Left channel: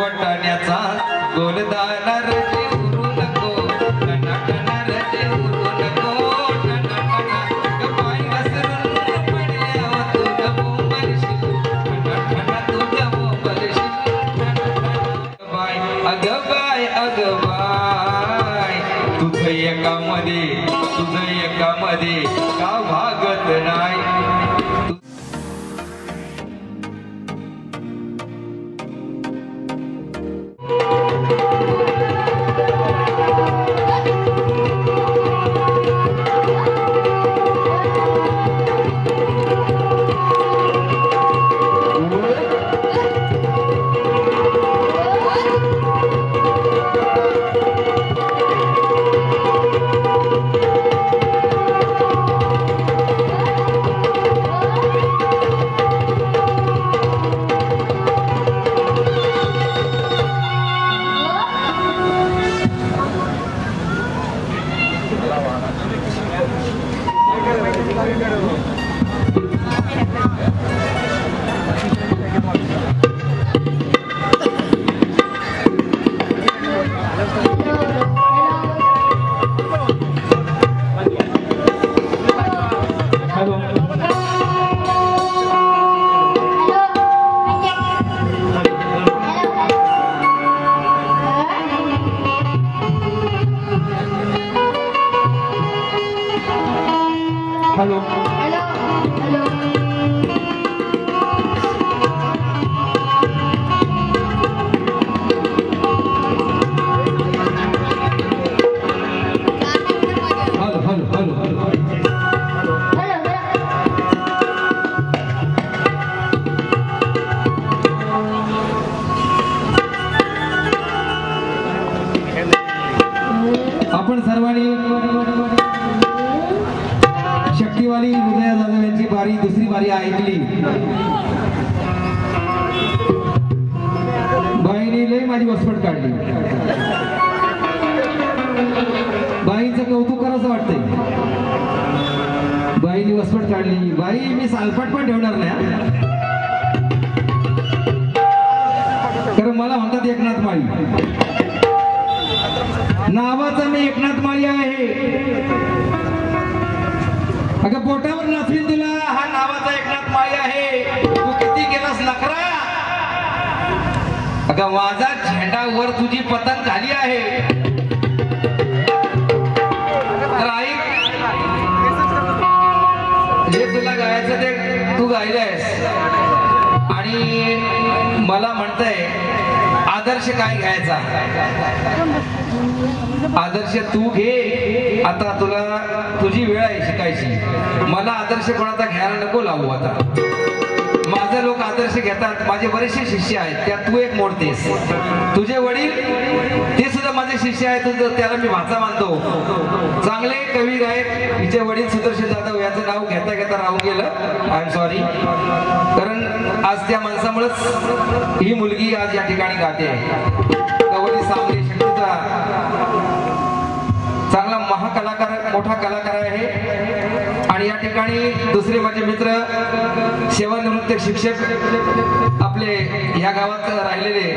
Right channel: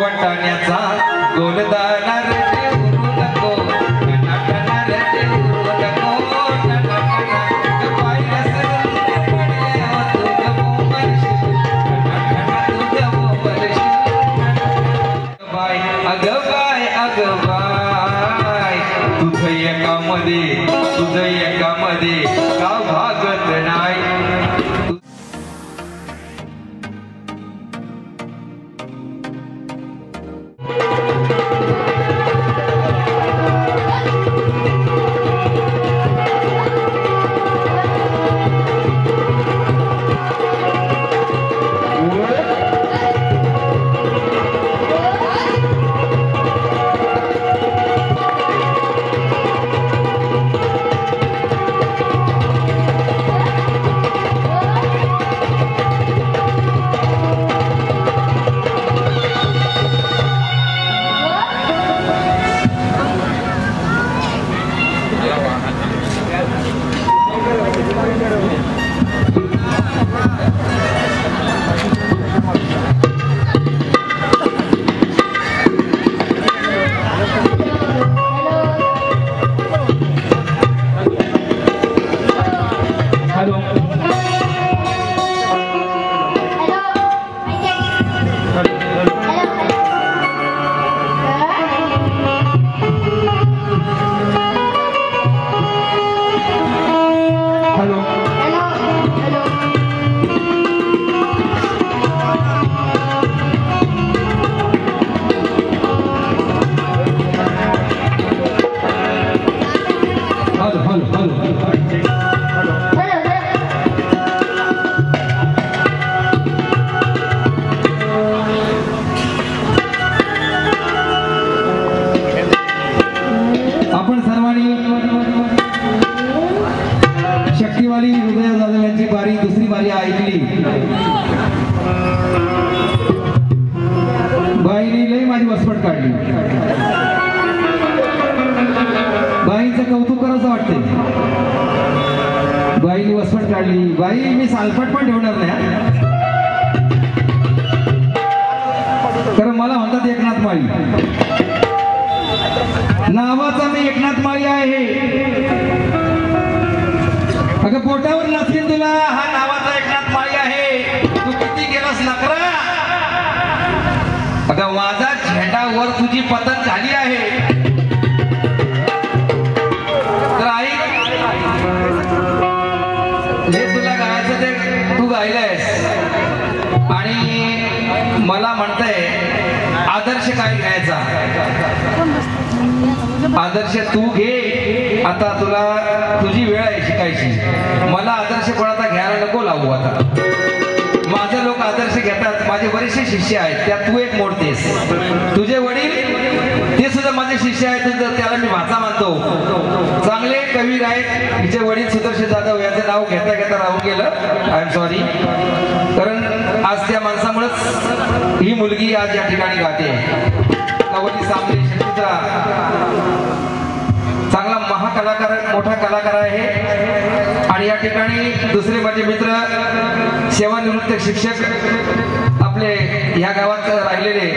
वाटाण्याचा गोलदाना तुझं एकामध्ये का भागत नाही. आपण सर्वांनी शक्तिवाली हृदया जाधव यांची बारी दुसरी बारी ऐकली. बाईने लई माझी वसपट काढली. बाईचं कौतुक करावं वाटतंय. बाईने वसपट काढली. बाई मी सालपट पण ठेवणार नाही, कारण मला म्हणतात एकनाथ माळी. नावाचा मी एकनाथ माळी आहे. अगं पोटावर नाचवीन तुला, हा नावाचा एकनाथ माळी आहे. तू किती केलास नखरा. अगं माझा झेंडावर तुझी पतंग झाली आहे. तर आई जे तुला गायचं ते तू गायलंयस आणि मला म्हणतंय आदर्श काय घ्यायचा. आदर्श तू घे. आता तुला तुझी वेळ आहे शिकायची. मला आदर्श कोणाचा घ्यायला नको लावू. आता माझे लोक आदर्श घेतात. माझे बरेचसे शिष्य आहेत, त्यात तू एक मोडतेस. तुझे वडील ते सुद्धा माझे शिष्य आहेत, त्याला मी भाचा मानतो. चांगले कवी गायक. हिचे वडील सुदर्शन जाधव यांचे नाव घेता घेता राहून गेलं. I am sorry. कारण आज त्या माणसामुळेच ही मुलगी आज या ठिकाणी गाते. कवली सांगली चांगला महाकलाकार, मोठा कलाकार आहे. आणि या ठिकाणी दुसरे माझे मित्र सेवानिवृत्त शिक्षक आपले ह्या गावात राहिलेले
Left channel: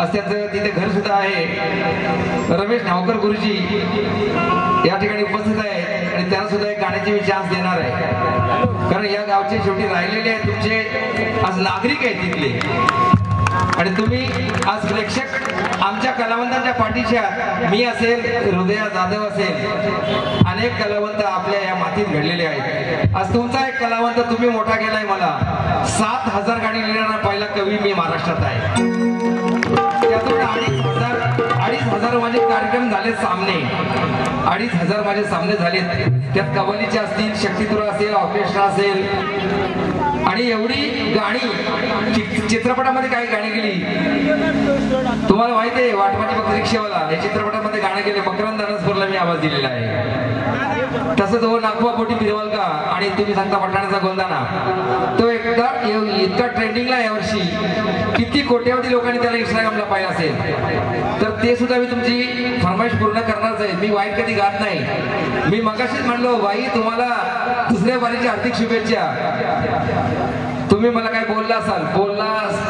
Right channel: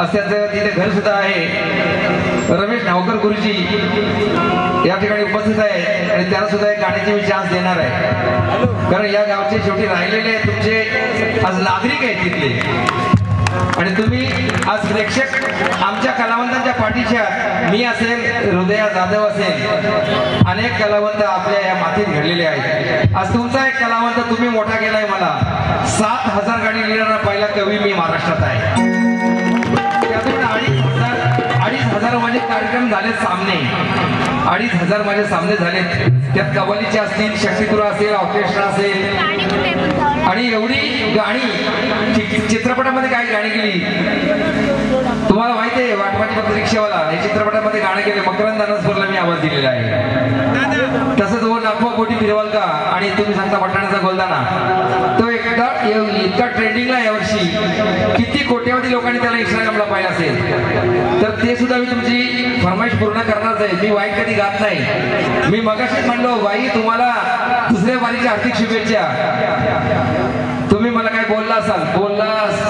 असल्याचं तिथे घर सुद्धा आहे. रमेश ठावकर गुरुजी या ठिकाणी उपस्थित आहे आणि त्याला सुद्धा एक गाण्याची मी चान्स देणार आहे. कारण या गावचे शेवटी राहिलेले तुमचे आज नागरिक आहेत तिथले. आणि तुम्ही आज प्रेक्षक आमच्या कलावंतांच्या पाठीच्या. मी असेल, हृदया जाधव असेल, अनेक कलावंत आपल्या या मातीत घडलेले आहेत. आज तुमचा एक कलावंत तुम्ही मोठा केलाय. मला 7,000 गाणी लिहिणारा पहिला कवी मी महाराष्ट्रात आहे. त्यातून 2,500 माझे कार्यक्रम झाले सामने. 2,500 माझे सामने झालेत. त्यात कव्वालीचे असतील, शक्तितुरा असेल, ऑर्केस्ट्रा असेल. आणि एवढी गाणी चित्रपटामध्ये काय गाणी केली तुम्हाला माहिती आहे. वाटवाटी फक्त रिक्षेवाला या चित्रपटामध्ये गाणं केलं. मकरंद अनसपूरला मी आवाज दिलेला आहे. तसंच हो नागपूर बोटी फिरवाल का आणि तुम्ही सांगता पठाणाचा गोलदाना, तो इतका ट्रेंडिंगला यावर्षी. किती कोट्यवधी लोकांनी त्याला इंस्टाग्रामला पाहिलं असेल. तर ते सुद्धा मी तुमची फरमाईश पूर्ण करणारच आहे. मी वाईट कधी गात नाही. मी मगाशीच म्हणलो बाई तुम्हाला दुसऱ्या बारीच्या हार्दिक शुभेच्छा. तुम्ही मला काय बोलला असाल,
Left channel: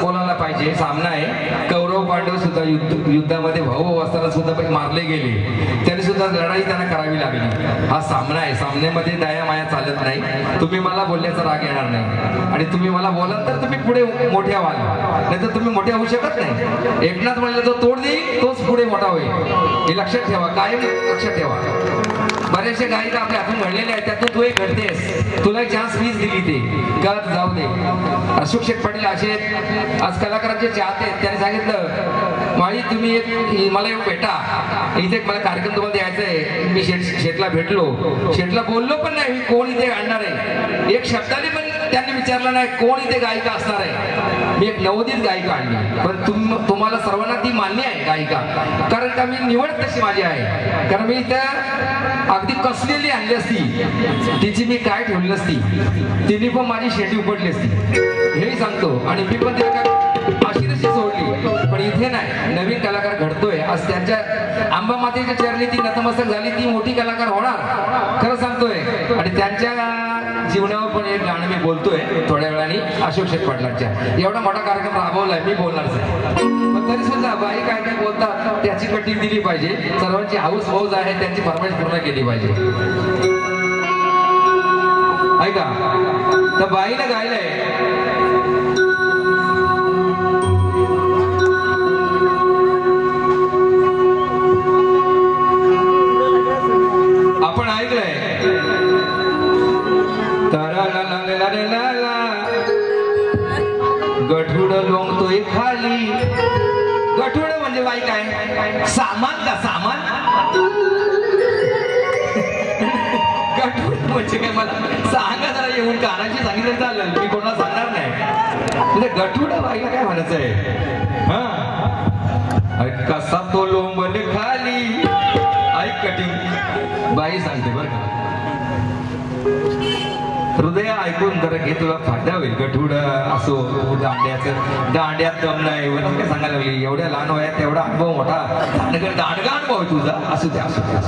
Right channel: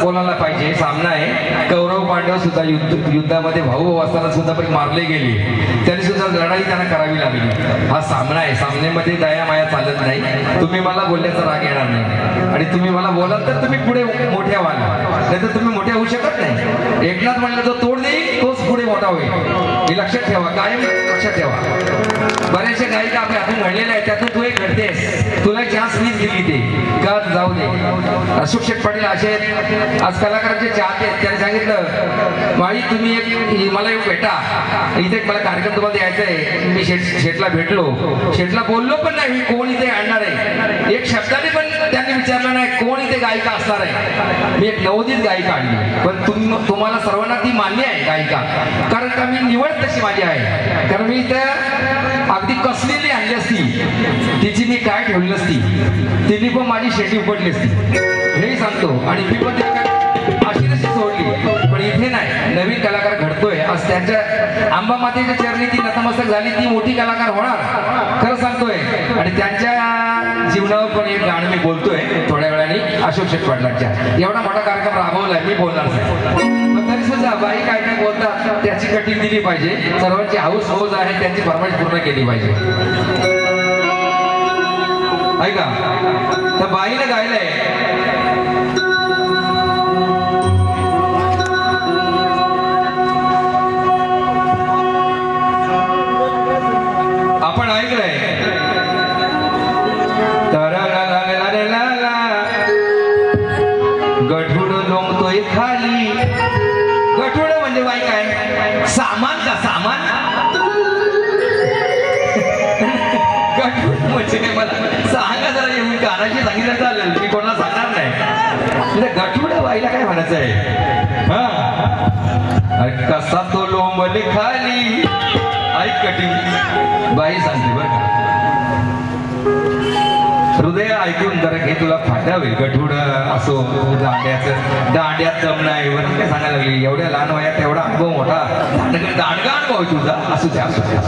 बोलायला पाहिजे. सामना आहे. कौरव पांडव सुद्धा युद्धामध्ये भाऊ असताना सुद्धा पण मारले गेले, तरी सुद्धा लढाई त्यांना करावी लागली. हा सामना आहे, सामन्यामध्ये दया माया चालत नाही. तुम्ही मला बोलण्याचा राग येणार नाही आणि तुम्ही मला बोलाल तर तुम्ही पुढे मोठ्या व्हाल, नाही तर तुम्ही मोठ्या होऊ शकत नाही. एकनाथ म्हणलं तो तोड देईल तोच पुढे मोठा होईल, हे लक्षात ठेवा, कायम लक्षात ठेवा. बरेचसे गायिका आपल्या हातून घडलेले आहेत, त्यातून तू एक घडतेस, तुला एक चान्स मीच दिली ते का जाऊ दे. अशोक शेठ पाटील असे आज कलाकारांचे चाहते आहेत, त्यांनी सांगितलं माळी तुम्ही एक मला येऊन भेटा, इथे एक मला कार्यक्रम तुम्हाला द्यायचा आहे. मी शेठला भेटलो, शेठला बोललो पण नाही कोण इथे आणणार आहे, एक शब्दाने पण त्यांनी विचारलं नाही कोण इथे गायिका असणार आहे. मी एक नवोदित गायिका आणली, पण तुम्हाला सर्वांना ती मान्य आहे गायिका, कारण का मी निवड तशी माझी आहे. कारण मी त्या अगदी कसलेली आणली असती, तिची मी काय ठेवली असती, तिने पण माझी शेती उपटली असती, हेही सांगतो. आणि मी पण अशी नशी सोडली, पण इथे नाही, नवीन कलाकार घडतोय. आज त्यांच्या आंबा मातेच्या चरणी ती नतमस्तक झाली, ती मोठी कलाकार होणार, खरं सांगतोय. आणि त्यांच्या जीवनावर पण एक गाणं मी बोलतोय थोड्या वेळाने अशोक शेठ पाटलांच्या. एवढा मोठा कार्यक्रम राबवलाय, मी बोलणार तरी सुद्धा बाई काय काय बोलतात त्याची कटिंग दिली पाहिजे. सर्वांची हाऊस हौस आहे, त्यांची फरमाईश पूर्ण केली पाहिजे. ऐका, तर बाईने गायलंय आपण ऐकलंय गठुड लोंबतोय खाली. गठुड म्हणजे बाई काय सामान का सामान, गठुड म्हणजे काय मला सांगा जरा, येऊन कानाची सांगितलं चालेल, मी कोणाला सांगणार नाही. गठुड बाईला काय म्हणायचं आहे, हा कसा तो लोंबल खाली. ऐक कठी बाई सांगते बरं का, हृदय ऐकून जरा घे, तुला फायदा होईल. गठुड असो, दांड्यात दम नाही वरून काय सांगायला लागली, एवढ्या लहान वयात तेवढा अनुभव मोठा, दांडगा अनुभव तुझा, असू द्या असू द्या,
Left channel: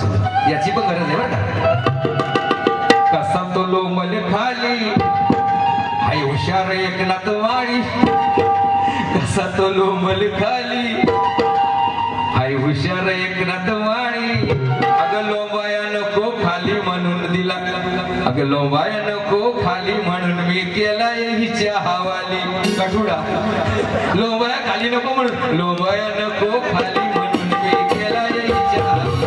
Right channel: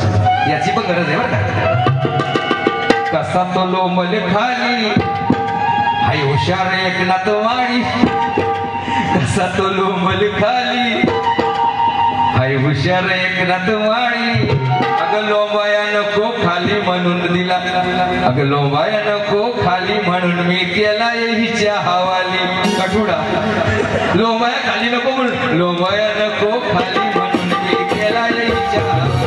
याची पण गरज आहे बरं का. कसा तो लोंबल खाली हाय हुशार एकनाथ वाणी, कसा तो लोंबल खाली हाय हुशार एकनाथ वाणी. अगं लोंबाया नको खाली म्हणून दिला, अगं लोंबाया नको खाली म्हणून मी केला हिच्या हवाली. गठुडा लोंबाया खाली नको म्हणून, लोंबाया नको खाली म्हणून मी केला हिच्या हवाली.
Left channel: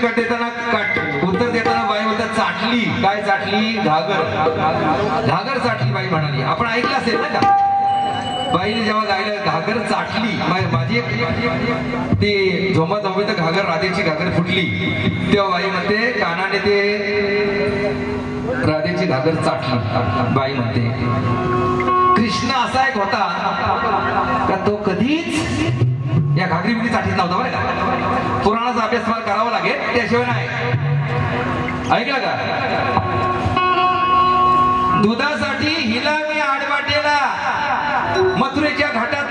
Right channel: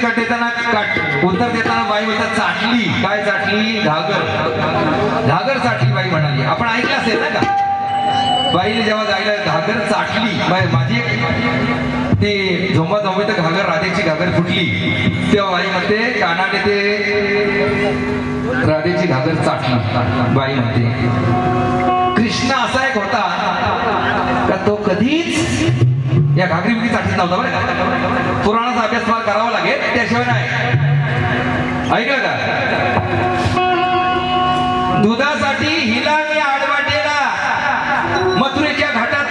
कट देताना उत्तर देताना बाई म्हणतात चाटली. काय चाटली? घागर. घागर चाटली बाई म्हणाली. आपण ऐकलं असेल ना का, बाईने जेव्हा गायलं घागर चाटली. माझी ती झोमा झोमी तर घागर, राधेची घागर फुटली, तेव्हा बाई म्हणते कानाने ते राधेची घागर चाटली. बाई म्हणते कृष्ण असा एक होता का तो कधीच या घागरी बिगरी चाटत नव्हता बरं का. पुराणाचा अभ्यास मला करावा लागेल, त्याशिवाय नाही. ऐकलं का, दुधासाठी हिला आणि आडवाटेला मथुरेच्या घाटात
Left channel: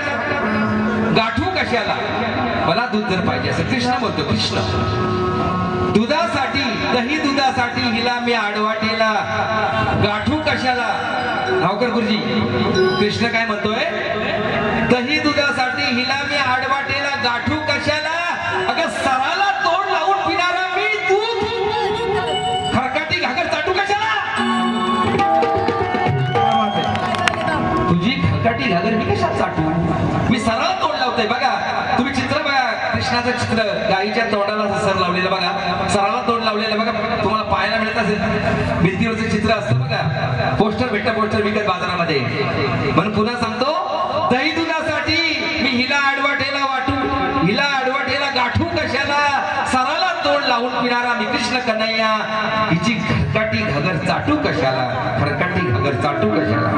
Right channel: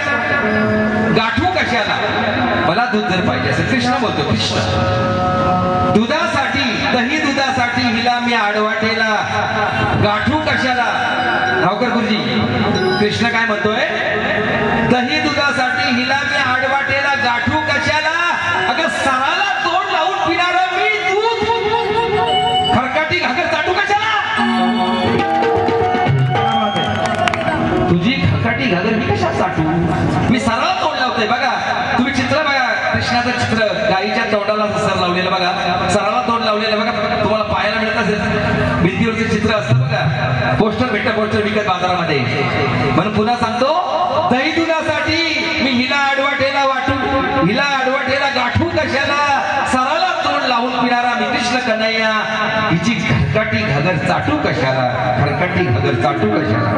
गाठू कशाला. मला दूध जर पाहिजे असेल, कृष्ण बोलतो, कृष्ण दुधासाठी, दही दुधासाठी हिला मी आडवाटेला गाठू कशाला. गावकर गुरुजी, कृष्ण काय म्हणतोय, दही दुधासाठी हिला मी आडवाटेला गाठू कशाला. अगं सराला तोंड लावून पिणारा मी दूध खरकाटी घागर चाटू कशाला. तुझी खरकाटी घागर मी कशाला चाटू, मी सराला तोंड लावतोय. बघा तुम्ही चित्र बघा, कृष्णाचं चित्र गाईच्या तोंडाला सर लावलेलं बघा, सराला तोंड लावलेलं बघा, तुम्हाला पाहायला मिळत असेल. भिंतीवरचं चित्र असतं बघा, पोस्टर भेटतं, पोस्टर विकत बाजारामध्ये. म्हणून पुन्हा सांगतो, दही दुधासाठी मी हिला आडवाटेला वाटू, हिला आडवाटेला गाठू चाटू कशाला?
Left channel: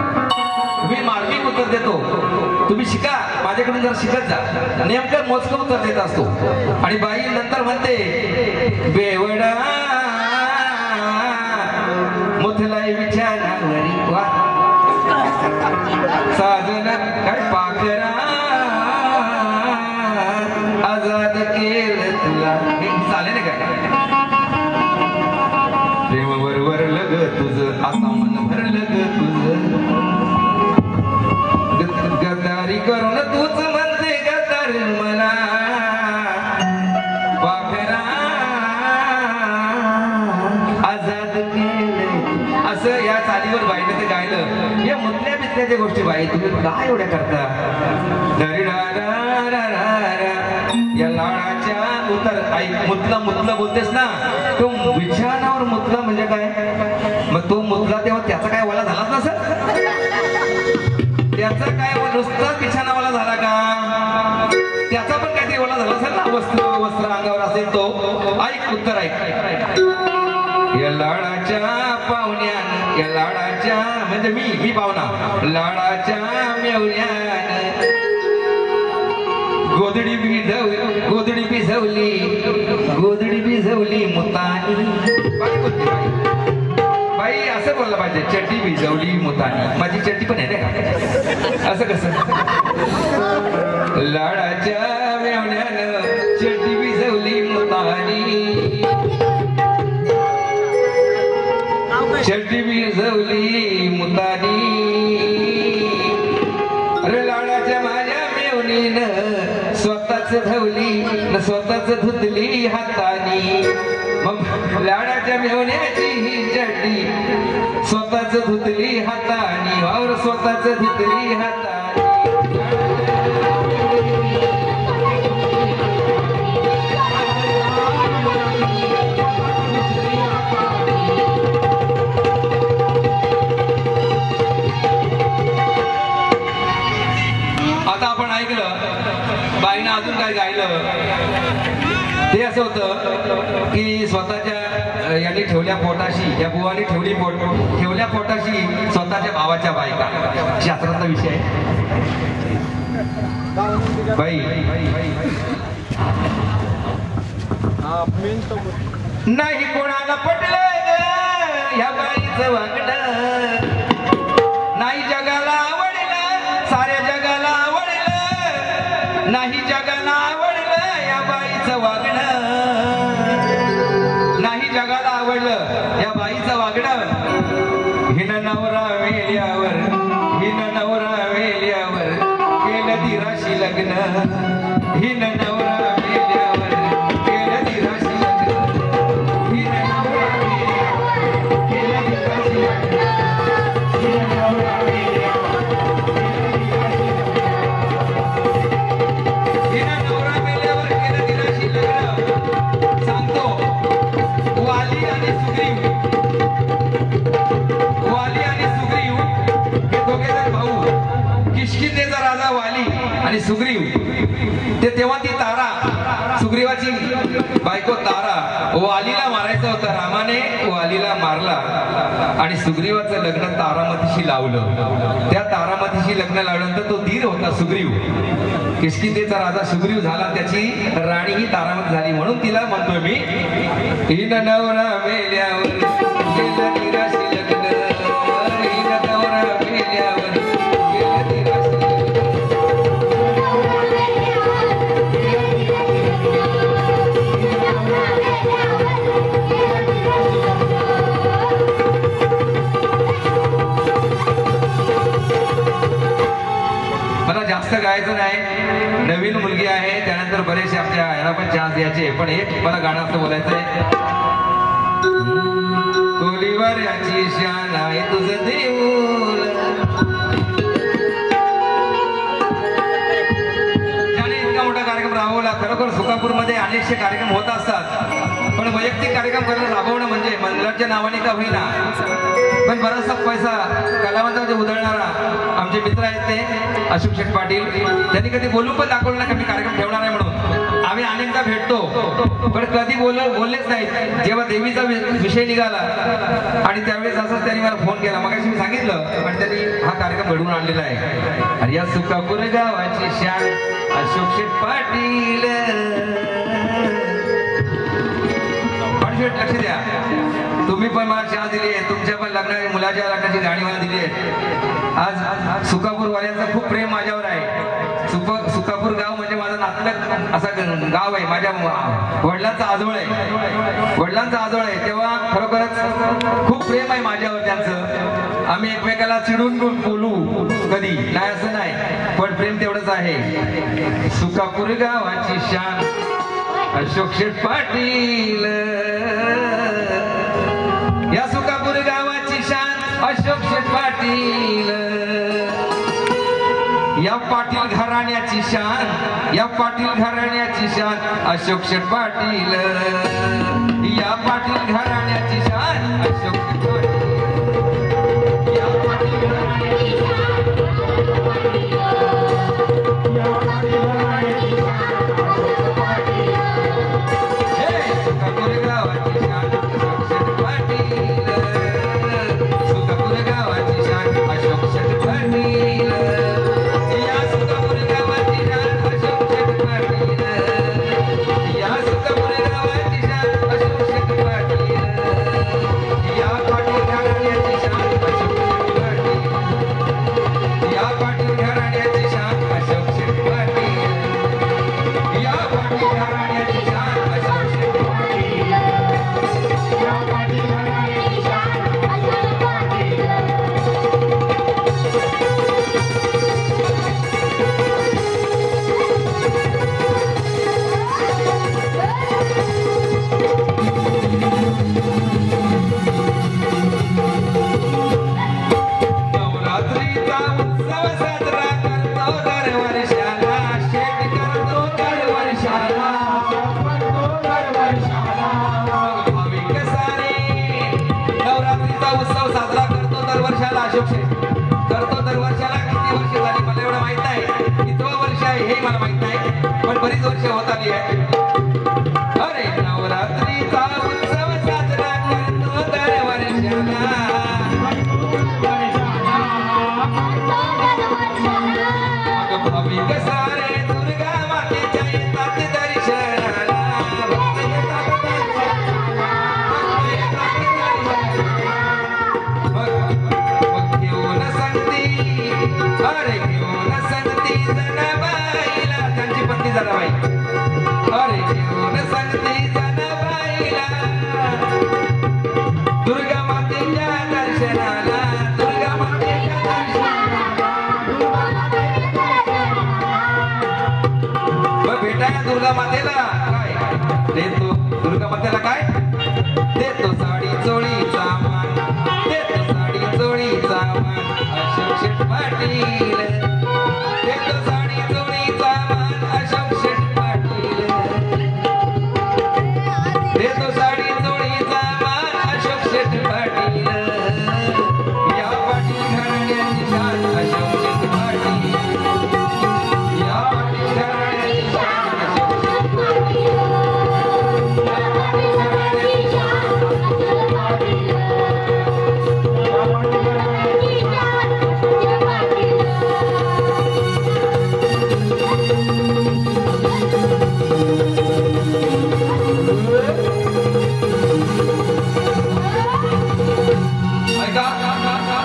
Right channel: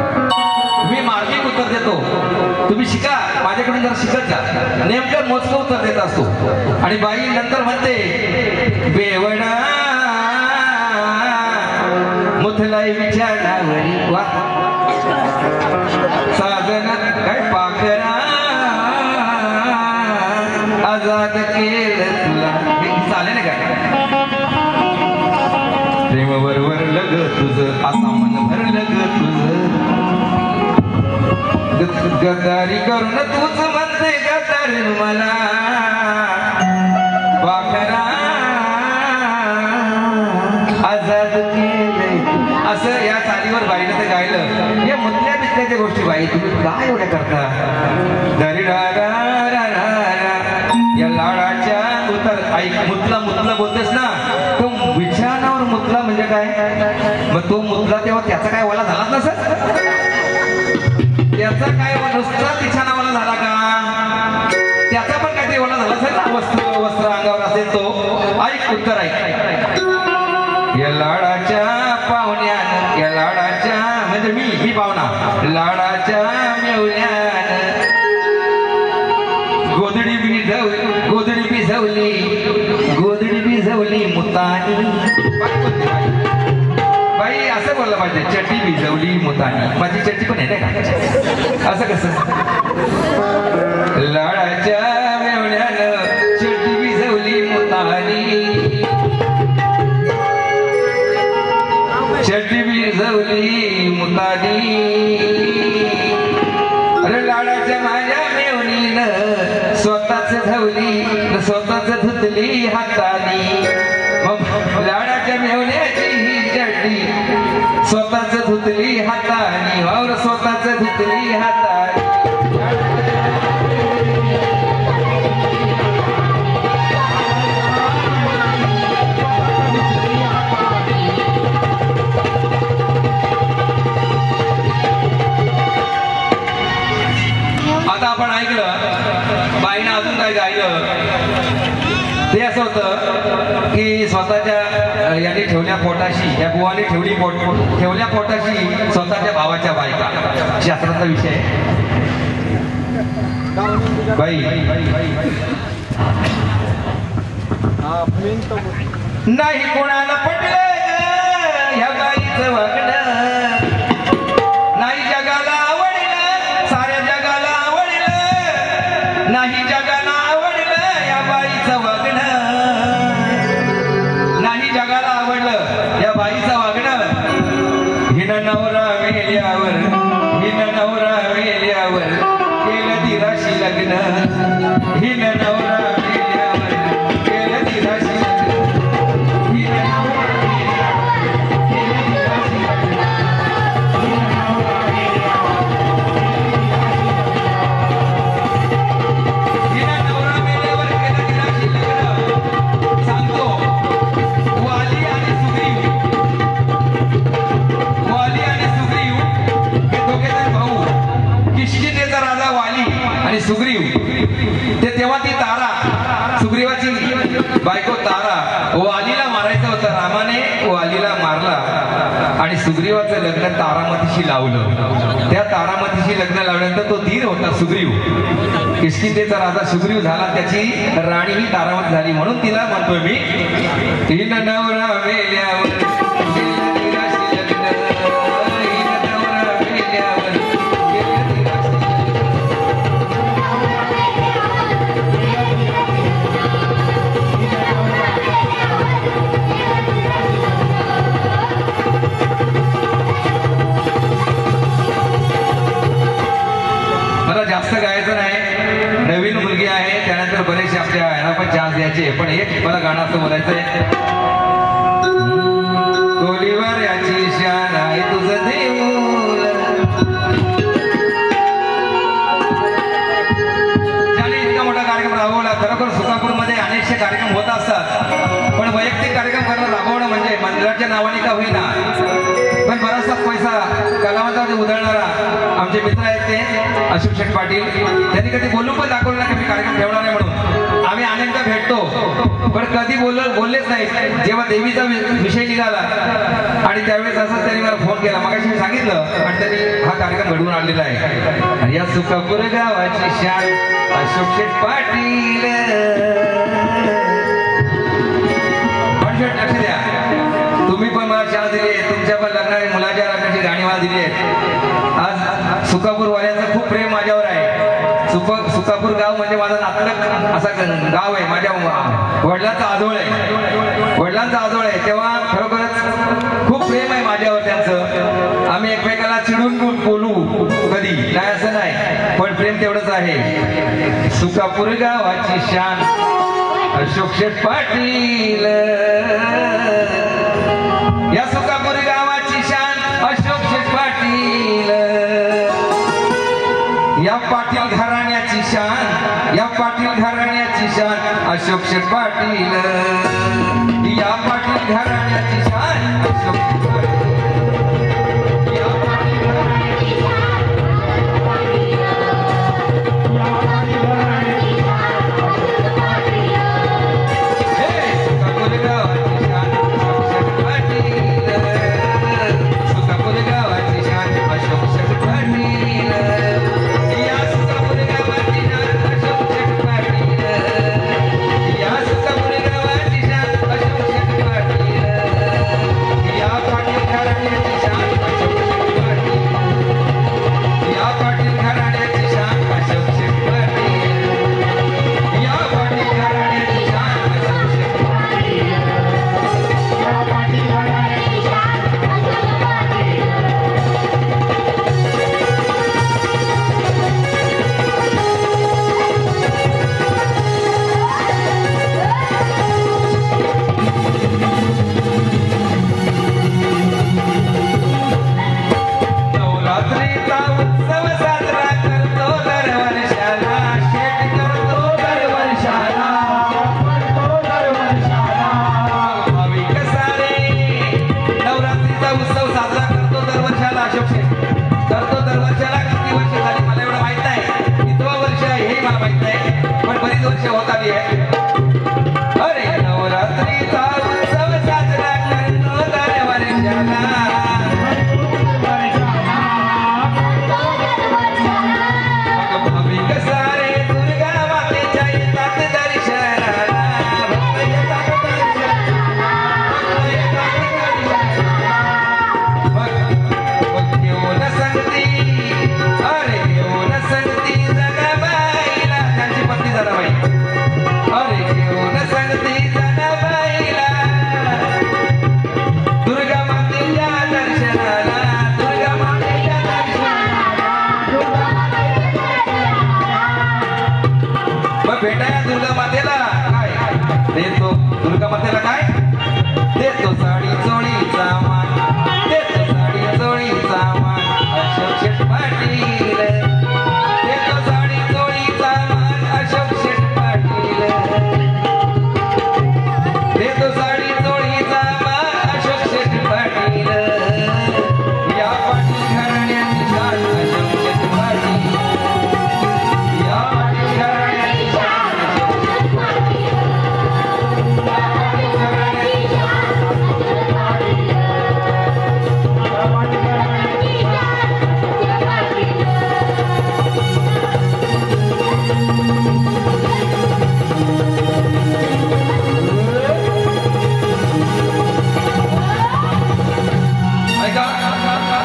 मी मार्मिक उत्तर देतो, तुम्ही शिका, माझ्याकडून जरा शिकत जा. नेमकं मोजकं उत्तर देत असतो. आणि बाई नंतर म्हणते बेवडा मुथलाई विचारावरी वा साजना काय पाखरा आजाद केलं तुला. हे चालेल ना काय? प्रेमावर वरलं ग तुझं, आता मन भरलं ग तुझं, गद्दारी करून तूच म्हणते गद्दार मला पाखरा आजाद केलं. असं या चालीवर बाईनं ते गायलं. या मुतल्या बितल्याच्या गोष्टी बाई तुम्ही काय एवढ्या करता? दरी या लाडाच्या उतर ऐक, मुतला मुतला बोलतेस ना, तो विचारावर मुतला म्हणजे काय? मग तो मुतला तेव्हा त्याचा काय वाला झाला नसत? त्याचा काय नुसता बिछाना वाला झाला का? त्याचा पण काहीतरी वाला झाला असेल ना, वस्त्र अंगावर असेल तो. ऐक उत्तर ऐक. या लाडाच्या पाहुण्यान, या लाडाच्या म्हणजे मी पाहुणा, लाडाच्या मेवल्यान गोधडी भिजवली मुतानी. बाई असं बोलला पाहिजे, चड्डी भिजवली मुतानी. माझी चड्डी पण आहे ना, असं कसं? लाडाच्या मेवण्यानं चड्डी भिजवली मुतानी, चड्डी भिजवली मुतानी. अरे लाडाच्या माझ्या मेवणीनं स्वतःच धवली, स्वतःच धुतली हातानी. मग लाडाच्या मेवण्याची ही चड्डी स्वतःच धुतली हातानी, और स्वतःच धुतली हातानी. आपण ऐकलं बाईनं अजून काय गायलं. ते असं होतं की स्वतःच्या यांनी ठेवल्या पोटाशी, या बुवाने ठेवल्या पोटाशी स्वतःच्या भावाच्या बायका. शास्त्राचा विषय बाई नाही कोणाला पटलं ह्या बाईचं वागणं, नाही जगाला आवडलं, साऱ्या जगाला आवडलं, नाही जगाला आवडलं या बाईचं वागणं, नाही जगाला आवडलं या बाईचं वागणं. हिनं नवरा मेल्यावर, हिनं नवरा मेल्यावर केलं दिराशी लग्न, हिनं नवरा मेल्यावर केलं दिराशी लग्न, हिनं नवरा मेल्यावर केलं दिराशी लग्न, हिनं नवरा सुग्रीव ते तेव्हा ती तारा, सुग्रीवाची बायको तारा वालीला मारायचं होतं. रामाने वालीला मारला आणि सुग्रीवाचं लग्न तारामतीशी लावलं. त्या तारामतीशी लग्न लावल्यानंतर तो धीर होता सुग्रीव, किष्किंधेचा राजा सुग्रीव झाला, त्याची राणी ही तारामती झाली. म्हणून तिला म्हणतोय मी, तीन नवरा मेल्यावर बरेचसे आपल्या यांना पण चान्स द्यायचे, पण एक मला गाणं असं बोलायचंय. कोलीवर याची शान आहे तुझं देऊळ, ज्याने इतका मोठा कार्यक्रम राबवला. खरोखर सुकापूरमध्ये अनेकशे कार्यक्रम होत असतात, पण वैयक्तिक कार्यक्रम करणं राबवणं म्हणजे मंदिराच्या नावाने का होईना, पण बराचसा पैसा कलावंतामध्ये उधळणारा आमचे मित्र आहेत ते अशोक शेठ पाटील, त्यांनी कधी बोलून पण दाखवलं नाही की कार्यक्रम ठेवणार आहे म्हणून. आम्ही अनेकदा भेटतो पण कधी बोललेच नाही. जेव्हा देवीचा विषय निघाला आणि त्यावेळेस असंच त्यांनी मला फोन केला, मग मी सांगितलं आणि कडून आणलेला आहे. आणि या सुकापूर गावाची शान अशोक शेठ पाटील. लक्ष द्या, तुम्ही पण मला शान दिली आहे, तुमच्या पण लग्नाची मुलाच्या लग्नाची गाणी मला दिली आहे. आज सुकापूर वाल्यांचं खूप प्रेम माझ्यावर आहे. सुकापूर गाव म्हणजे माझं नातलग असा गाव आहे. माझ्या वडिलांचा आजोळ आहे, वडिलांचा आजोळ आहे. तेव्हा खरोखरच खूप प्रेम आहे माझ्यावर त्यांचं. आम्ही एकमेकाला चिडून बोलू कधी नाही असं नाही, पण प्रेम तेवढंच आहे. सुकापूर गावाची शान अशोक शेठ पाटील. या सुकापूर गावाची शान अशोक शेठ पाटील. या पाटील घराण्याची शान, या पाटील घराण्याची शान अशोक शेठ पाटील. या पाटील घराण्याची शान अशोक शेठ पाटील.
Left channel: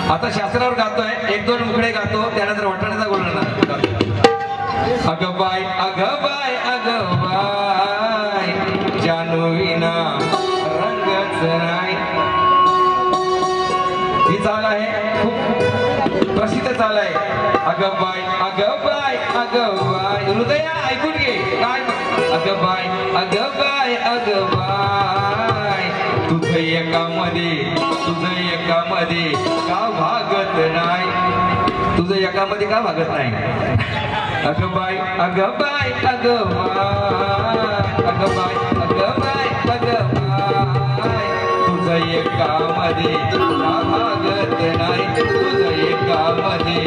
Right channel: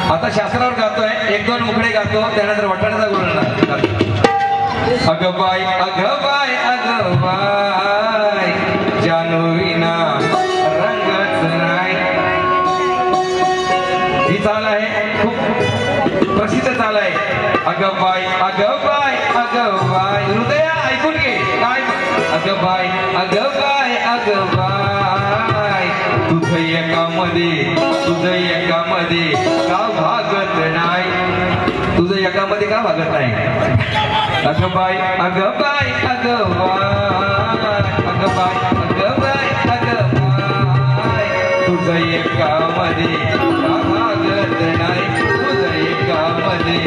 आता शास्त्रावर गातोय, एक दोन मुखडे गातो, त्यानंतर वटाण्याचा गुण अगं बाय अगं बाय अगं बाय जानू विना रंगच नाही. ही चाल आहे, खूप प्रसिद्ध चाल आहे. अगं बाय अगं बाय अगं बाय, हृदय ऐकून घे काय. अगं बाय अगं बाय अगं बाय तुझं एकामध्ये का भागत नाही, तुझं एकामध्ये का भागत नाही. अगं बाय अगं बाय अगं बाय अगं बाय अगं बाय अगं बाय तुझं एकामध्ये का भागत नाही, तुझं एकामध्ये.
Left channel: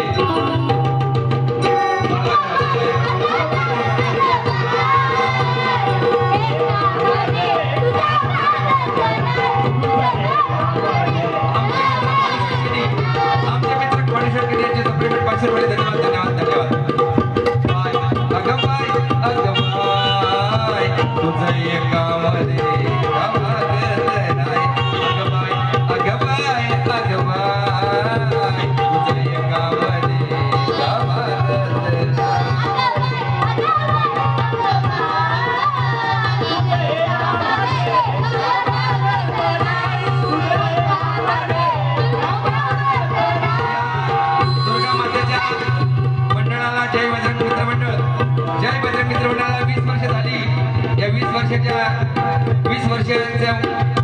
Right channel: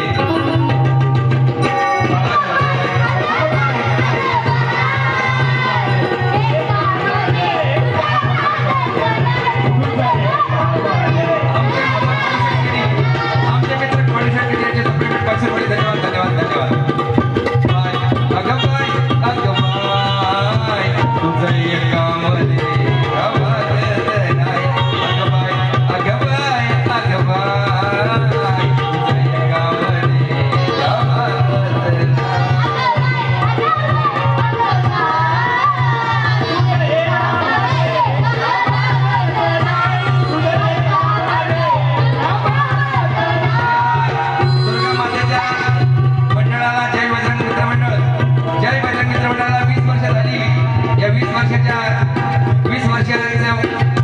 गेल्या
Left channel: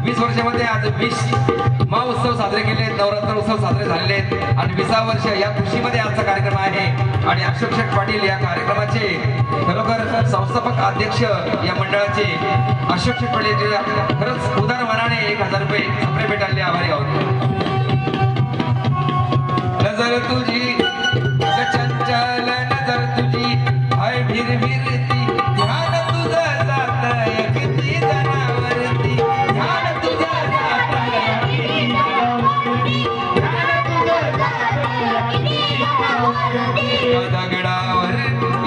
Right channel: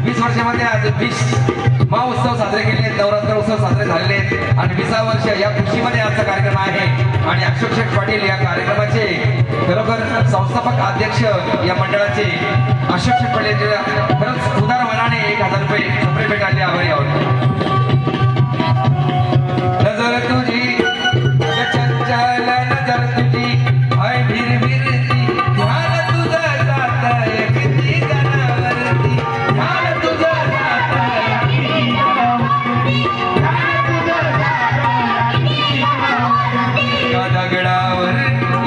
20 वर्षामध्ये आज 20 महोत्सव साजरे केले, नवरात्र उत्सव साजरे झालेले आणि 20 वर्ष या खुशीमध्ये आजचा कार्यक्रम आहे. आणि अशोक शेठ पाटील या कार्यक्रमाचे खरोखर संस्थापक अध्यक्ष या मंडळाचे अशोक शेठ पाटील खरंच उदार मनाने 1000 रुपये सप्रे भेटायला आभारी आहोत. नजर तुझी चंचल नजर तुझी हाय भीर भीरती ध्यान तुझं जात एकटी गणावरती ध्यान तुझं जात एकटी गणावरती ध्यान तुझं जात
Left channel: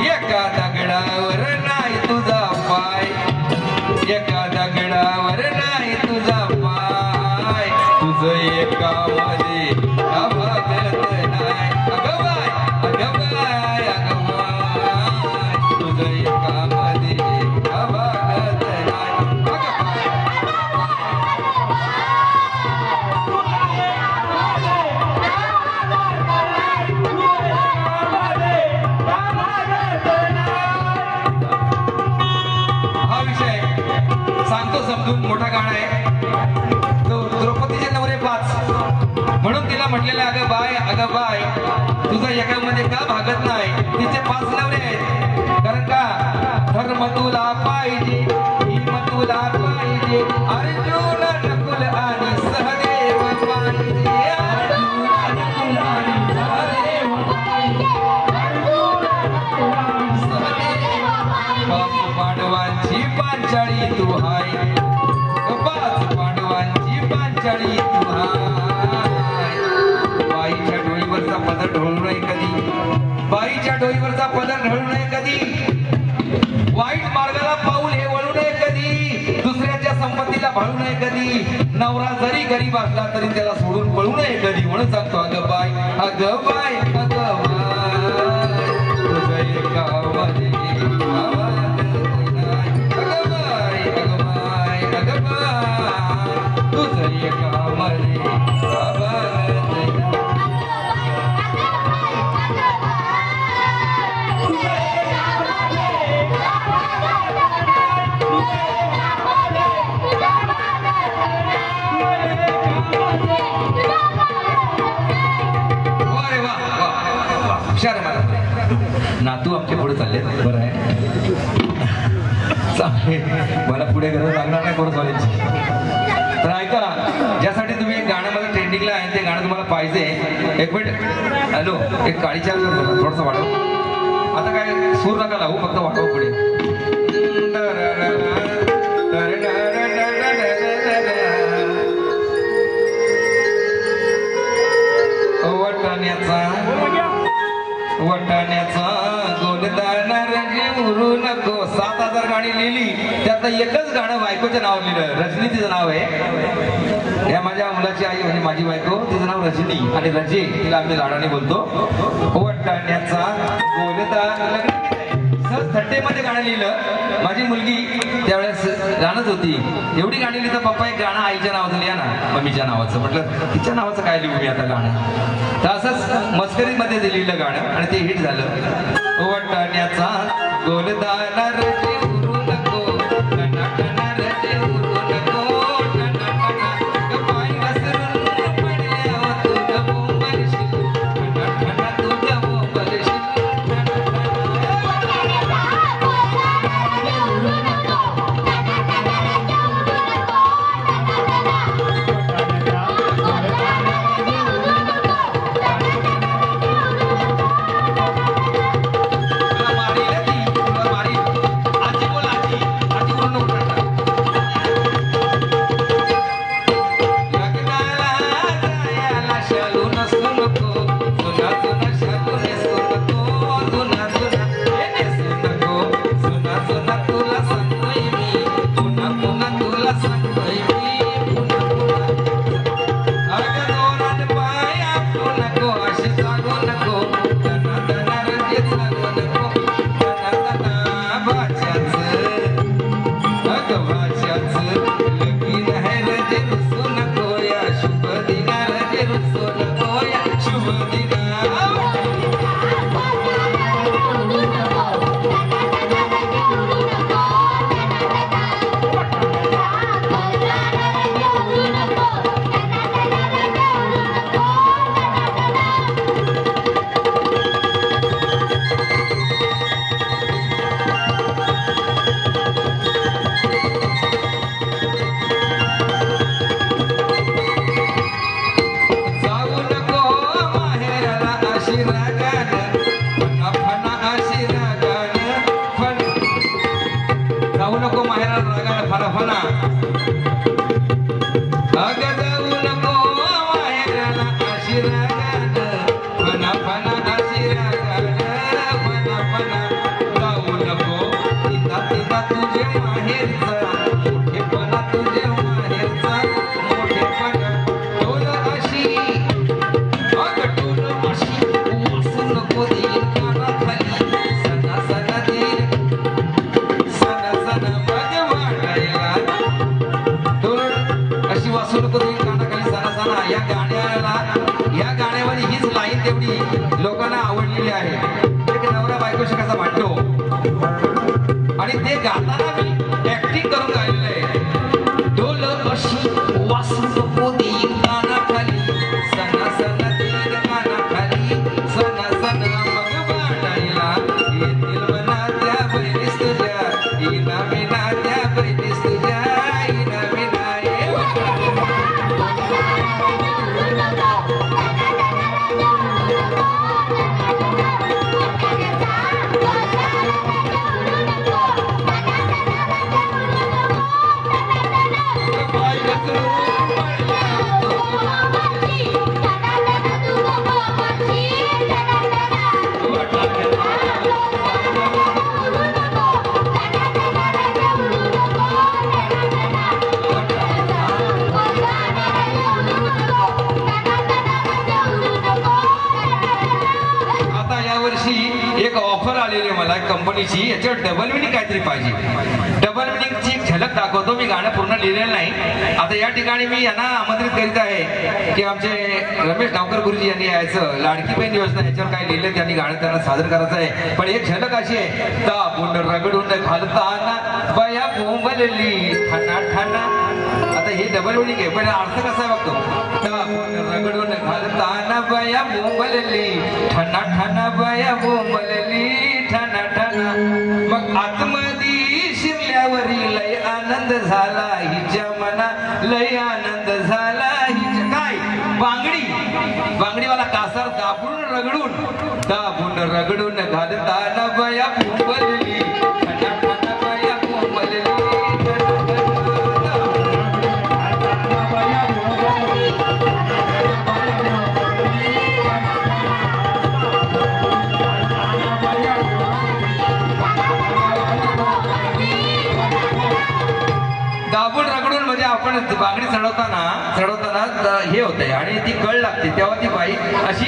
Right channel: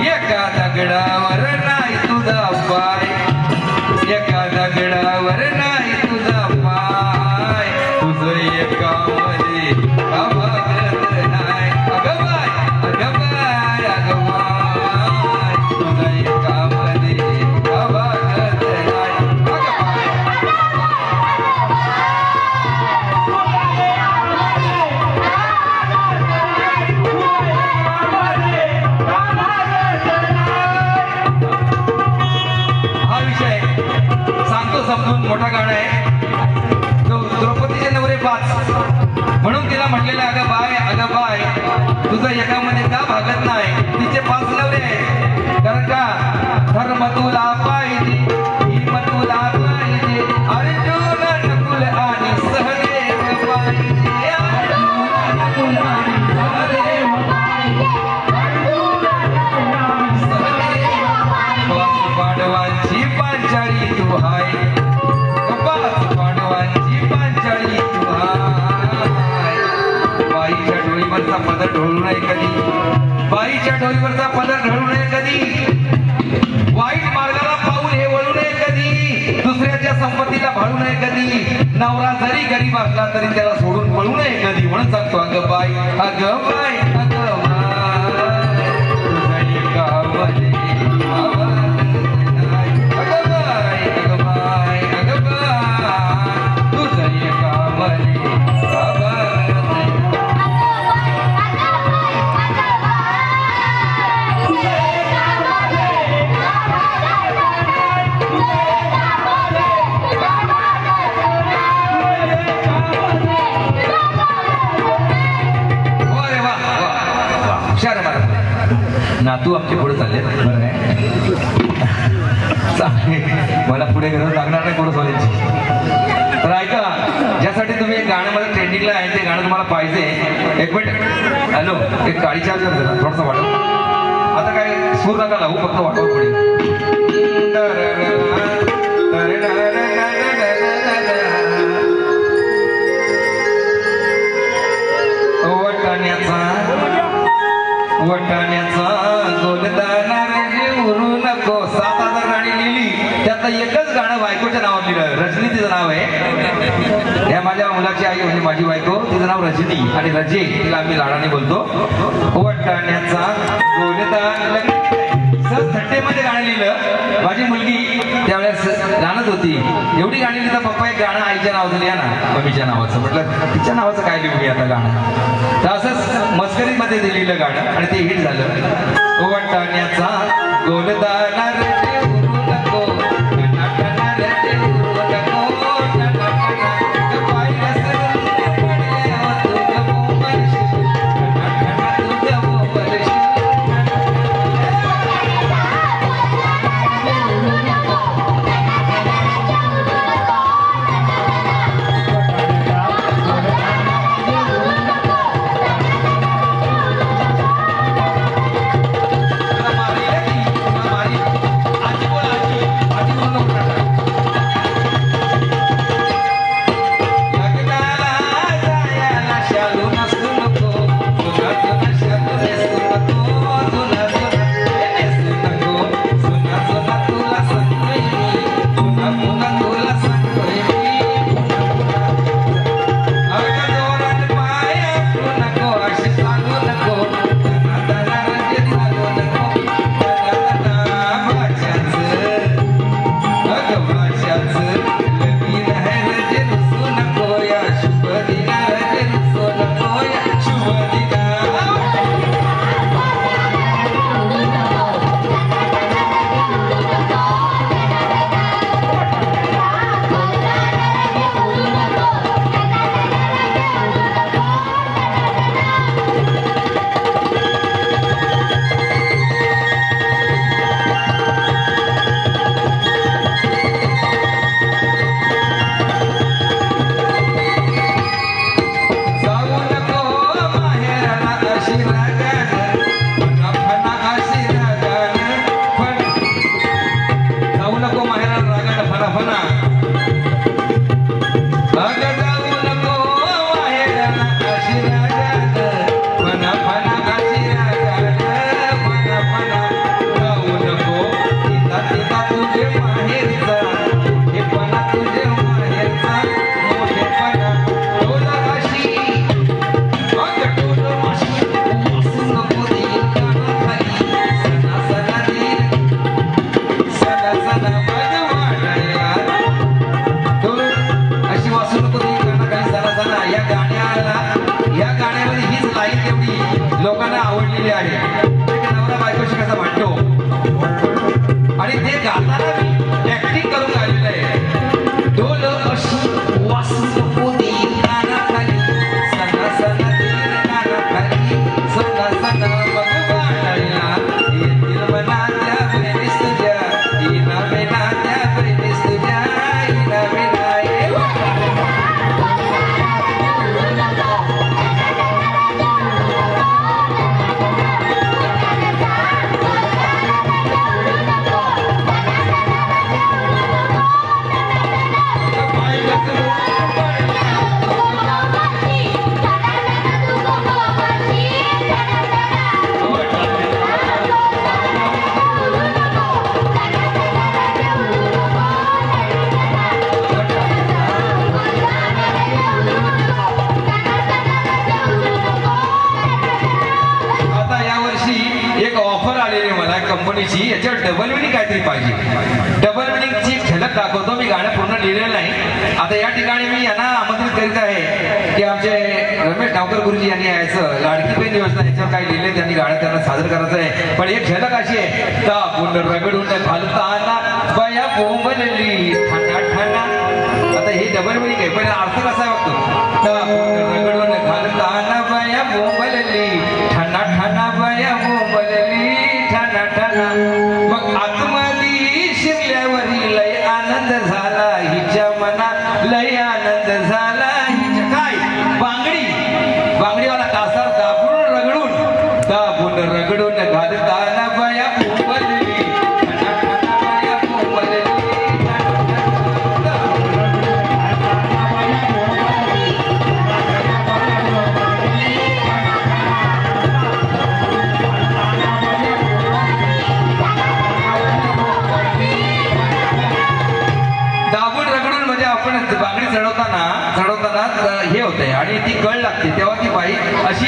एका दगडावर नाही तुझा पाय एका दगडावर नाही तुझा पाय तुझं एका मध्ये अभागत नाही अगं बाय अगं बाय अगं बाय तुझं एका मध्ये अभागत नाही अगं हा विषय सांगतो समजून. मोठा गाणं आहे. द्रौपदीचे नवरे 5 म्हणून तिला म्हटलेलं अगं बाय तुझं एकामध्ये का भागत नाही. तिचे 5 नवरे आहेत कारण का धर्म तुला पाहिजे हिम तुला पाहिजे अर्जुन नकुल आणि सहदेव पाहिजे अर्जुन नकुल आणि सहदेव पांडवांची पांचाळी तू हाय 5 पांडवांची पांचाळी तू हाय. बाईच्या डोळीवरचा पदर ढळू नये कधी बाईच्या डोळीवरचा पदर ढळू नये कधी वाईट मार्गाला पाऊल हे वळू नये कधी दुसऱ्याच्या संपत्तीला भाळू नये कधी नवरा जरी गरीब असला तरी त्याला सोडून पळू नये कधी म्हणून सांगतो अगं बाय अगं बाय अगं बाय तुझं एकामध्ये नातू आमचे पुढे चालले बरं आहे मला पुढे गरज लागणार नाही पुढे चालायची. तर ऐका ज्यासाठी तुम्ही एक गाणं मला ट्रेंडिंगला आहे ते गाणं तुम्हाला पाहिजे. एक मिनिट हॅलो एक काळी चार्ज थोडंसं वाटव आता काय सूर नका लावू फक्त वाटव पुढे वटाण्याचा गोलदाना उरू नको 7000 गाणी लिहिली त्यातलं एकच गाणं बायकोच्या नावावर लिहिलं. रजनी तिचं नाव आहे. या माझ्या मुलाची आई म्हणजे माझी बायको तिचं नाव रजनी आणि रजे तिला आम्ही लाडाने बोलतो. वटाण्याचा गोलदाना सहज थट्टेमध्ये गाणं लिहिलं. माझी मुलगी त्यावेळेस लहानच होती. एवढी गाणी लिहिता पप्पा एक गाणं आईच्या नावाचं लिहा ना मम्मीच्या नावाचं. म्हटलं तिच्या नावाचं काय लिहू मी आता गाणं. तर असंच मस्करीमध्ये लिहिलं गाणं आणि ते हिट झालं. वटाण्याचा गोलदाना दाखवतो. मी गाणं पूर्ण लिहिलेलं नाही. आता या ठिकाणी मी यांना आमंत्रित करीत आहे की आमचे रमेश गावकर गुरुजी यांनी यायचं लाडकी बहीण योजना याच्यावर काय लिहिले त्यांनी गाणं त्यांना सादर करायचं आहे. पण एक झलक अशी आहे, दाबून रगडून घालताना बया बोंबलली ठाणा ठाणा. आता हे डबल वळी घे, पण अर्थ कसा आहे बघतो. दाबून रगडून घालताना बया बोंबलली ठाणा ठाणा बया बोंबलली ठाणा ठाणा. मग आतमध्ये शिरल्यावरी लय आनंद झाला हिच्या मना, लय आनंद झाला हिच्या. काय बांगडीवाला कासार दाबून रगडून घालताना बया बोंबलली ठाणा ठाणा बया बोंबलली. दाबून रगडून म्हणजे आपण बांगडी चढवताना हे होते आणि ती कळ लागते तेव्हा ती बाई अशी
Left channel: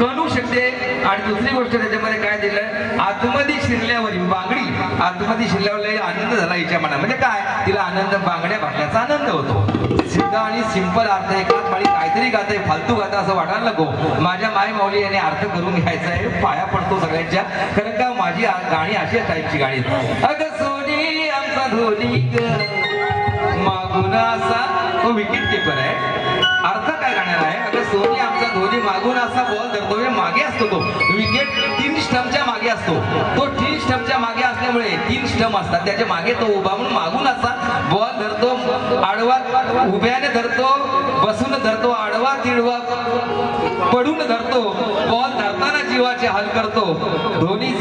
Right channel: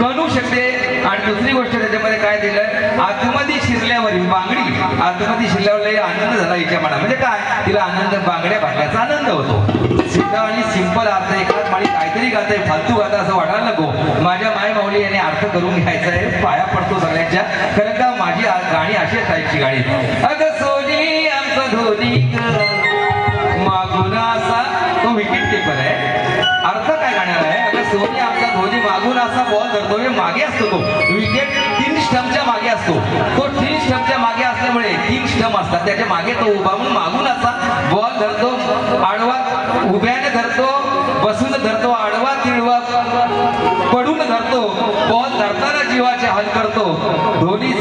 कणू शकते. आणि दुसरी गोष्ट त्याच्यामध्ये काय दिलं, आतमध्ये शिरल्यावर बांगडी आतमध्ये शिरल्यावर आनंद झाला हिच्या मना. म्हणजे काय, तिला आनंद बांगड्या भरण्याचा आनंद होतो. सिद्धा आणि सिंपल अर्थ एकाच माळी काहीतरी गाते फालतू गाता असं वाटायला नको. माझ्या माय माऊली यांनी अर्थ करून घ्यायचा आहे, पाया पडतो सगळ्यांच्या. खरं का माझी गाणी अशीच टाईपची गाणी. अगं सोनी आमचा धोनी मागून असा, तो विकेट कीपर आहे. अर्थ काय गाण्याला आहे, अगं सोनी आमचा धोनी मागून असा बॉल धरतो, मागे असतो तो विकेट 3 स्टंपच्या मागे असतो. तो 3 स्टंपच्या मागे असल्यामुळे 3 स्टंप असतात, त्याच्या मागे तो उभा म्हणून मागून असा बॉल धरतो. आडवा उभ्याने धरतो, बसून धरतो, आडवा तिळवा पडून धरतो. बॉल धरताना जीवाचे हाल करतो. धोनी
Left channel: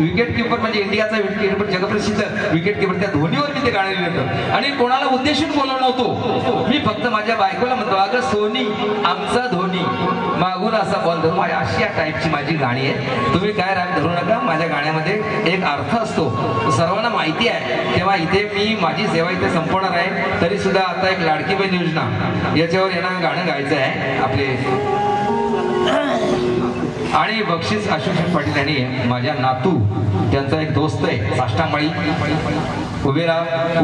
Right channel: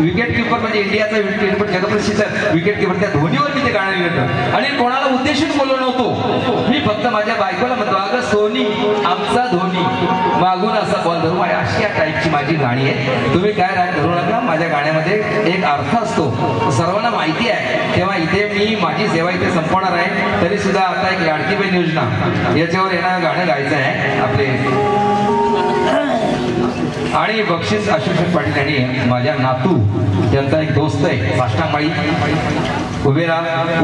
विकेट किपर म्हणजे इंडियाचा विकेट किपर, जगप्रसिद्ध विकेट किपर. त्या धोनीवर मी ते गाणं लिहिलं आणि कोणाला उद्देशून बोललो नव्हतो. मी फक्त माझ्या बायकोला म्हणतो, अगं सोनी आमचा धोनी मागून असा बॉल धरू. अशी या टाईपची माझी गाणी आहे. तुम्ही काय राग धरू नका. माझ्या गाण्यामध्ये एक अर्थ असतो, सर्वांना माहिती आहे. तेव्हा इथे मी माझी सेवा इथे संपवणार आहे. तरी सुद्धा आता एक लाडकी बहीण योजना याच्यावर येणार गाणं गायचं आहे आपले. आणि बक्षीस आशुषण पाटील यांनी माझ्या नातू त्यांचा एक दोस्त आहे साष्टांगमाळी उभे राहा.